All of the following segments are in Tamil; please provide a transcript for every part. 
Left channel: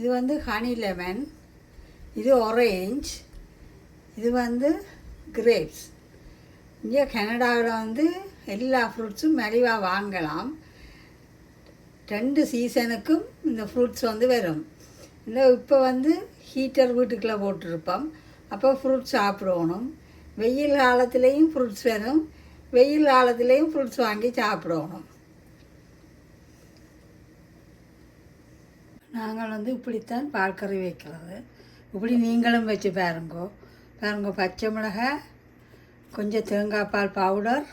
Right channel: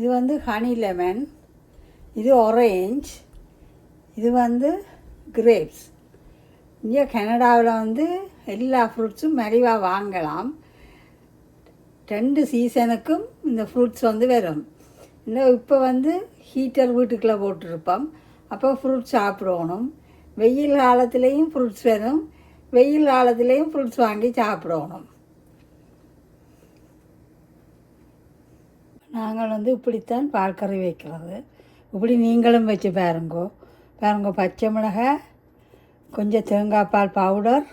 இது வந்து ஹனி லெமன், இது ஆரஞ்ச், இது வந்து கிரேப்ஸ். இங்கே கனடாவில் வந்து எல்லா ஃப்ரூட்ஸும் மலிவாக வாங்கலாம். 2 சீசனுக்கும் இந்த ஃப்ரூட்ஸ் வந்து வரும். இல்லை இப்போ வந்து ஹீட்டர் வீட்டுக்குள்ளே போட்டிருப்போம், அப்போ ஃப்ரூட்ஸ் சாப்பிடணும். வெயில் காலத்துலேயும் ஃப்ரூட்ஸ் வரும், வெயில் காலத்துலேயும் ஃப்ரூட்ஸ் வாங்கி சாப்பிடணும். நாங்கள் வந்து இப்படித்தான் பால் கறி வைக்கிறது. இப்படி நீங்களும் வச்சு பாருங்கோ. பச்சை மிளகாய், கொஞ்சம் தேங்காய் பால் பவுடர்,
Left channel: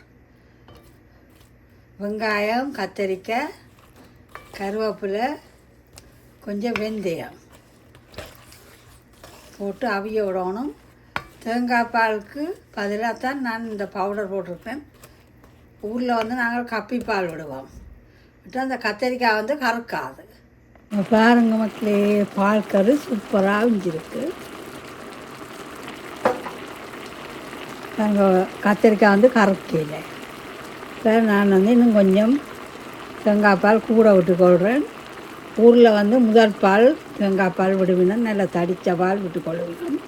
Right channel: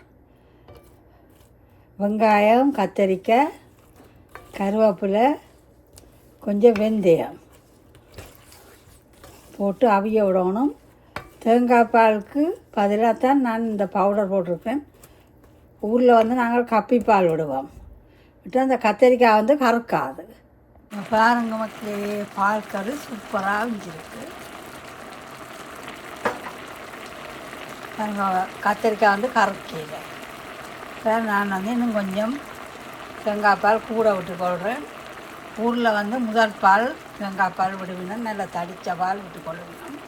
வெங்காயம், கத்தரிக்காய், கருவேப்பிலை, கொஞ்சம் வெந்தயம் போட்டு அவிய விடணும். தேங்காய் பாலுக்கு பதிலாக தான் நான் இந்த பவுடர் போட்டிருக்கேன். ஊரில் வந்து நாங்கள் கப்பி பால் விடுவோம், விட்டு அந்த கத்தரிக்காய் வந்து கறக்காது. பாருங்க மக்களே, பால் கறி சூப்பராக இருந்துருக்கு. நாங்கள் கத்தரிக்காய் வந்து கறக்கல. இப்போ நான் வந்து இன்னும் கொஞ்சம் தேங்காய் பால் கூட விட்டுக்கொள்கிறேன். ஊரில் வந்து முதல் பால் தேங்காய் பால் விடுவேன், நல்லா தடித்த பால் விட்டுக்கொள்வேன்.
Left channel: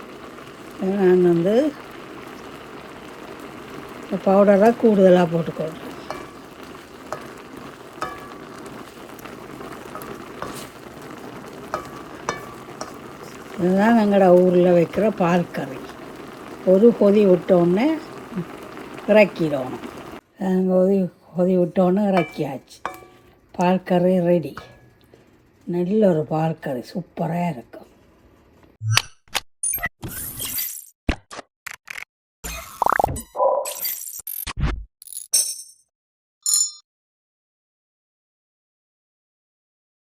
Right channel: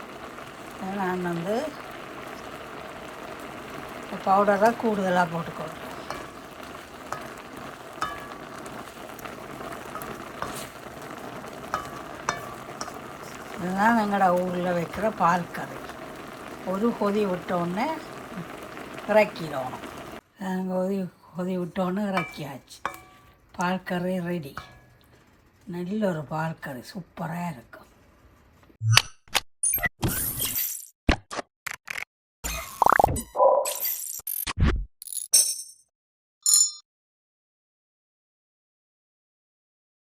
நான் வந்து பவுடராக கூடுதலாக போட்டுக்கொள்கிறேன். இதுதான் எங்களோட ஊரில் வைக்கிற பால் கறி. ஒரு கொதி விட்டோன்னே இறக்கிடணும். கொதி விட்டோன்னே இறக்கியாச்சு. பால் கறி ரெடி. நல்ல ஒரு பால் கறி சூப்பராக இருக்கும்.